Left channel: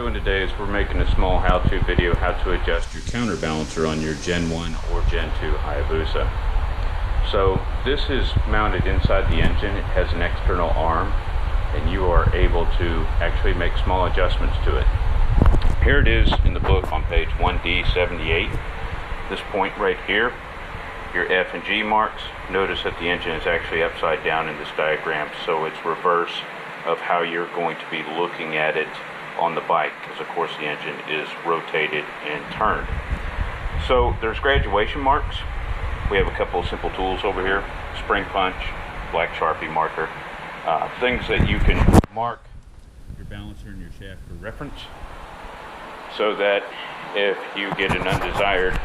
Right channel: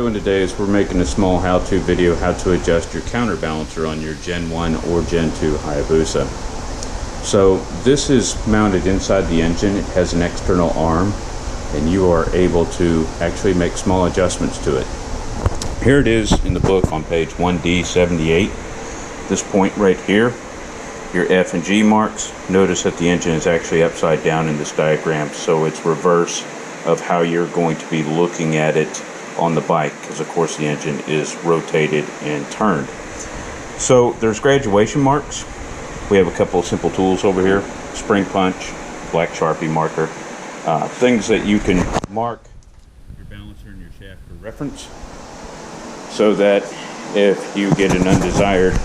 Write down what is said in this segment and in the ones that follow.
Doing today is we're making a small how-to video how to adjust your counterbalancer on your Gen 1 or Gen 2 Hayabusa. So this is mounted inside the engine. It has an external arm and you are able to actually make small adjustments to it. Here it is in the book on page 1D78. This point right here, your F and G marks. Notice that the engine is actually upside down in this diagram, so it's reverse of how you're going to be looking at it on the bike, because of course the engine is rotated and turned. So there's graduation marks. We have a couple of simple tools over here: spring punch, black Sharpie marker, things that you can mark your balancer and your shaft for reference, so that if you get an undesired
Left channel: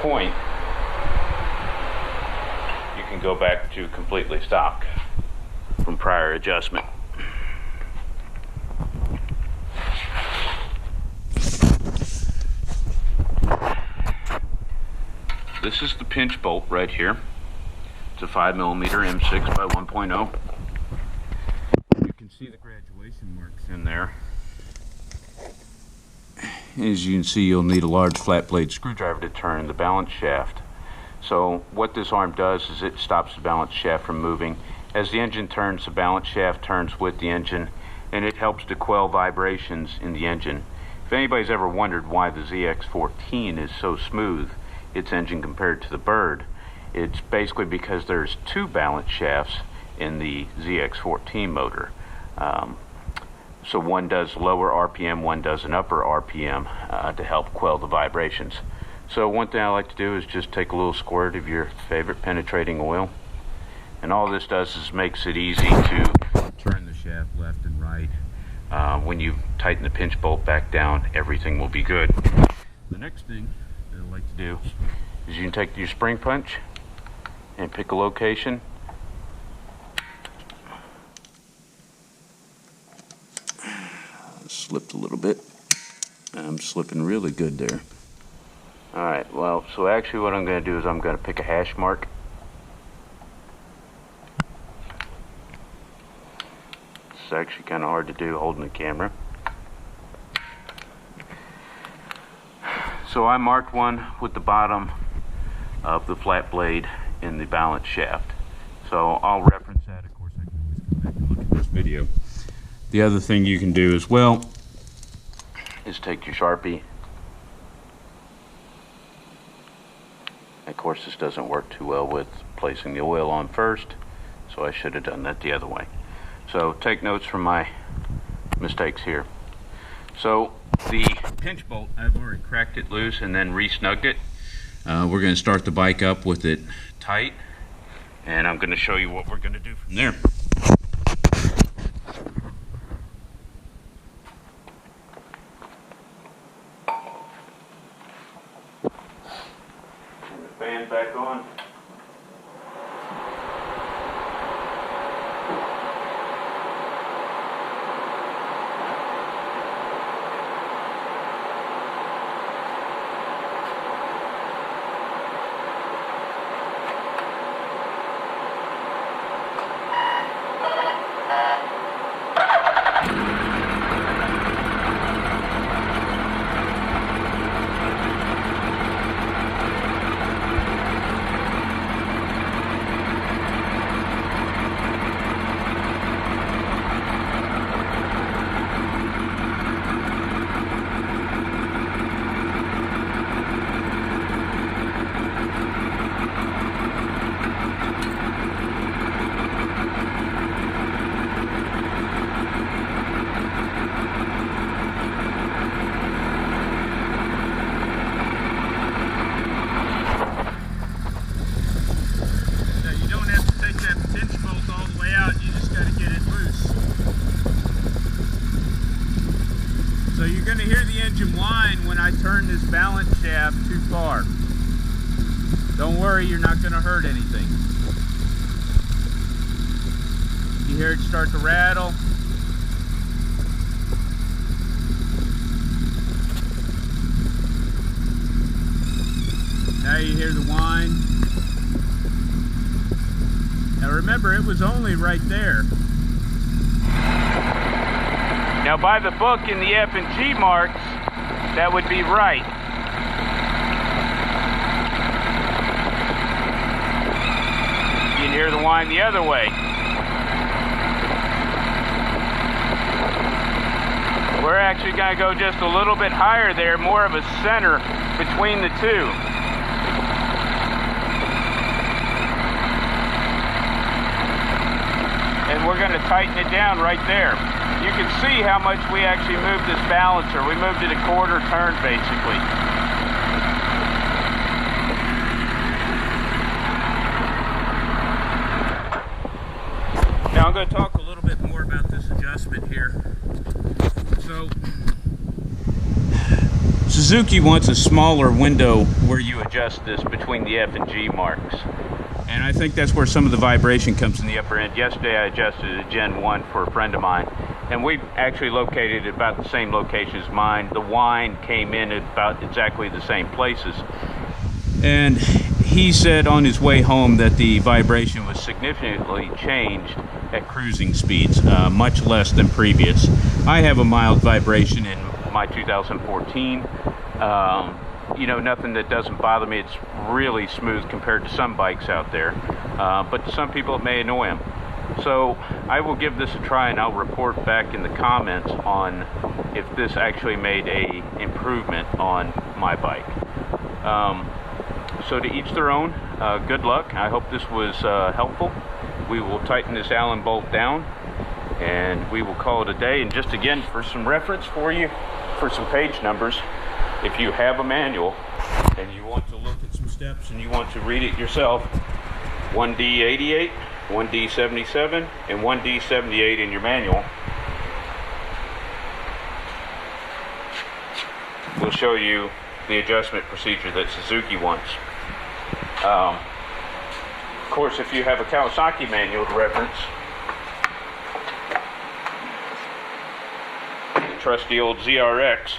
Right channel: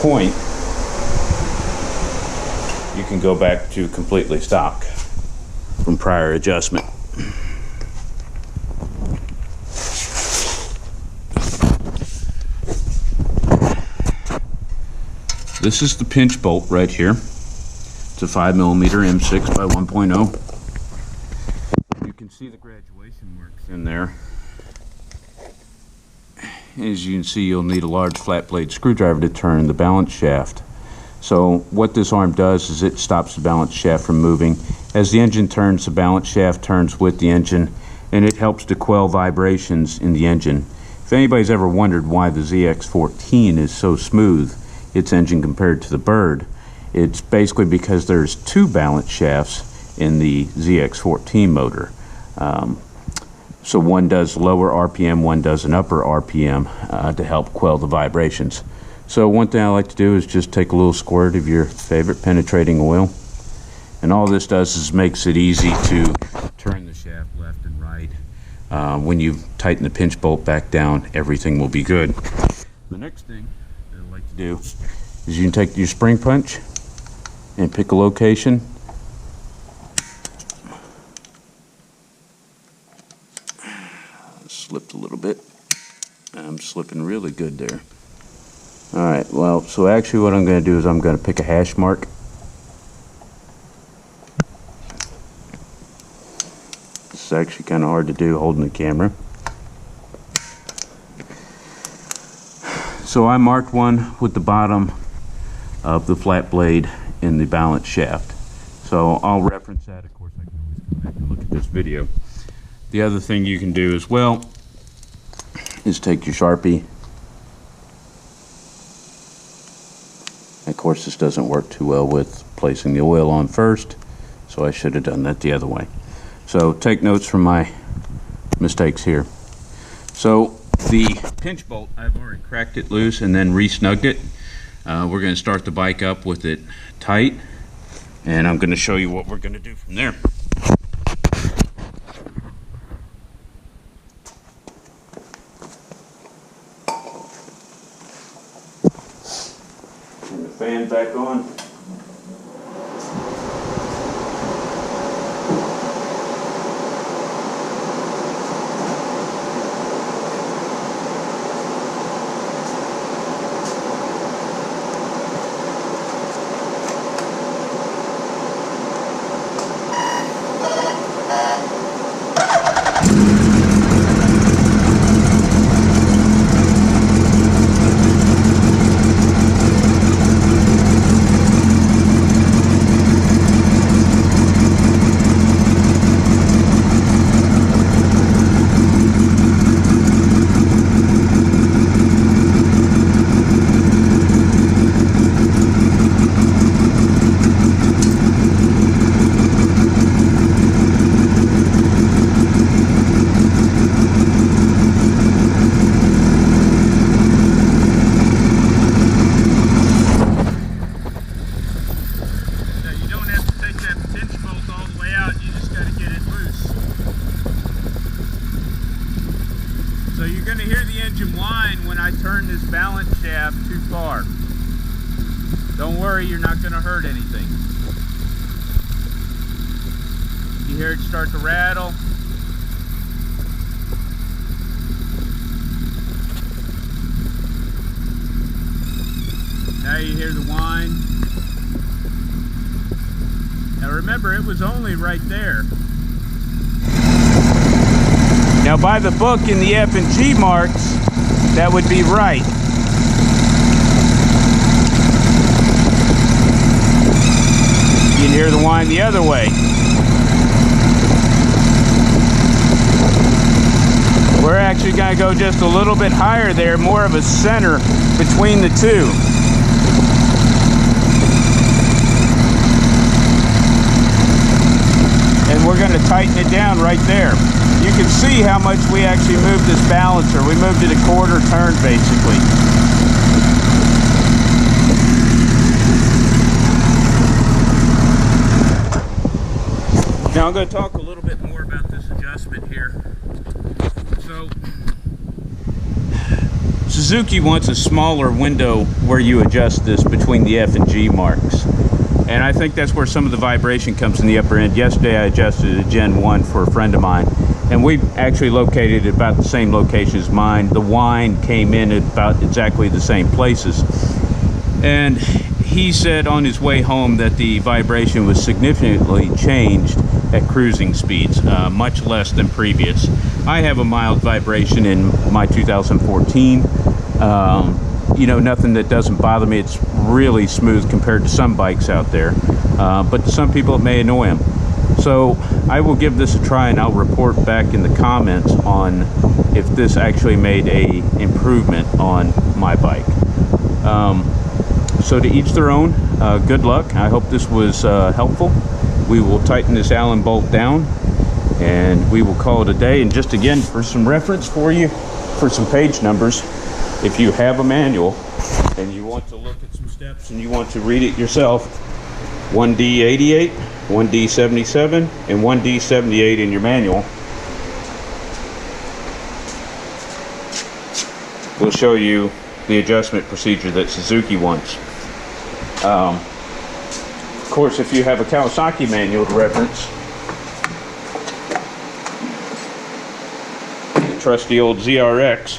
point, you can go back to completely stock from prior adjustment. This is the pinch bolt right here. It's a 5mm M6 by 1.0. You can see the graduation marks in there. As you can see, you'll need a large flat blade screwdriver to turn the balance shaft. So what this arm does is it stops the balance shaft from moving. As the engine turns, the balance shaft turns with the engine, and it helps to quell vibrations in the engine. If anybody's ever wondered why the ZX14 is so smooth, its engine, compared to the Bird, it's basically because there's two balance shafts in the ZX14 motor. So one does lower RPM, one does an upper RPM to help quell the vibrations. So one thing I like to do is just take a little squirt of your favorite penetrating oil, and all this does is makes it easy to turn the shaft left and right. When you tighten the pinch bolt back down, everything will be good. The next thing that I like to do is you can take your spring punch and pick a location. Slipped a little bit. I'm slipping really good there. Alright, well, so actually what I'm going to do is I'm going to pick a hash mark. This is actually kind of hard to do holding the camera. So I marked one with the bottom of the flat blade in the balance shaft. So I'll reference that. Of course, I can always go back and look at this video. The other thing you can do as well is take your Sharpie. Of course, this doesn't work too well with placing the oil on first, so I should have done that the other way. So take notes from my mistakes here. So the pinch bolt, I've already cracked it loose and then re-snugged it. We're going to start the bike up with it tight, and I'm going to show you what we're going to do from there. Turn the fan back on. So you're going to hear the engine whine when I turn this balance shaft too far. Don't worry, you're not going to hurt anything. You hear it start to rattle. Now you hear the whine. Now remember, it was only right there. Now Now, by the book in the F and G marks, that would be right. You can hear the whine the other way. We're actually going to go just a little bit higher there, more of a center between the two. And we're going to tighten it down right there. You can see how much we actually moved this balancer. We moved it a quarter turn basically. Now I'm going to talk a little bit more about this adjustment here. So Suzuki wants a smaller window where you adjust this between the F and G marks. And I think that's where some of the vibration comes in the upper end. Yesterday I adjusted a Gen 1 for a friend of mine, and we actually located it about the same location as mine. The whine came in at about exactly the same places. And he said on his way home that the vibration was significantly changed at cruising speeds, much less than previous. I have a mild vibration in my 2014. You know, nothing that doesn't bother me. It's really smooth compared to some bikes out there, but to some people it may annoy them. So I will give this a try, and I'll report back in the comments on if this actually made a improvement on my bike. So to each their own. Good luck. I hope this was helpful. We will tighten this Allen bolt down, and we will call it a day. And just again, for some reference for you, for some page numbers, if you have a manual and you want to look at some steps and you want to read it yourself, 1D88, 1D77, and 1D78 in your manual will show you the adjustment procedure that Suzuki wants. Of course, if you have a Kawasaki manual to reference, the trusty old ZRX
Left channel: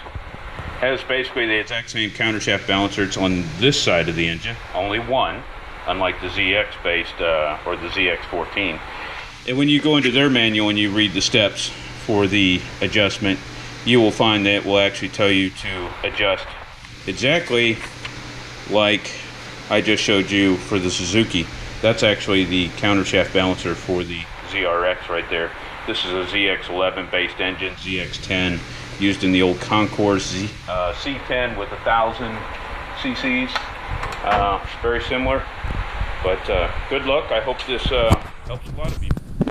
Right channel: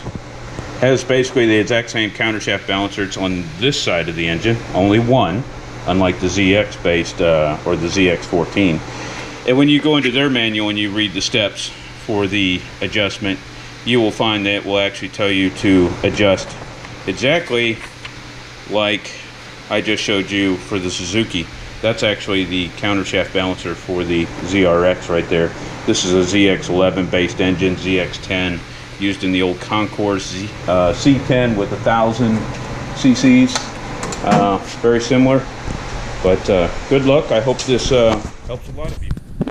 has basically the exact same countershaft balancer. It's on this side of the engine, only one, unlike the ZX based or the ZX14. And when you go into their manual and you read the steps for the adjustment, you will find that it will actually tell you to adjust exactly like I just showed you for the Suzuki. That's actually the countershaft balancer for the ZRX right there. This is a ZX11 based engine, ZX10 used in the old Concourse C10 with 1,000 cc's. Very similar, but good luck. I hope this helps you guys.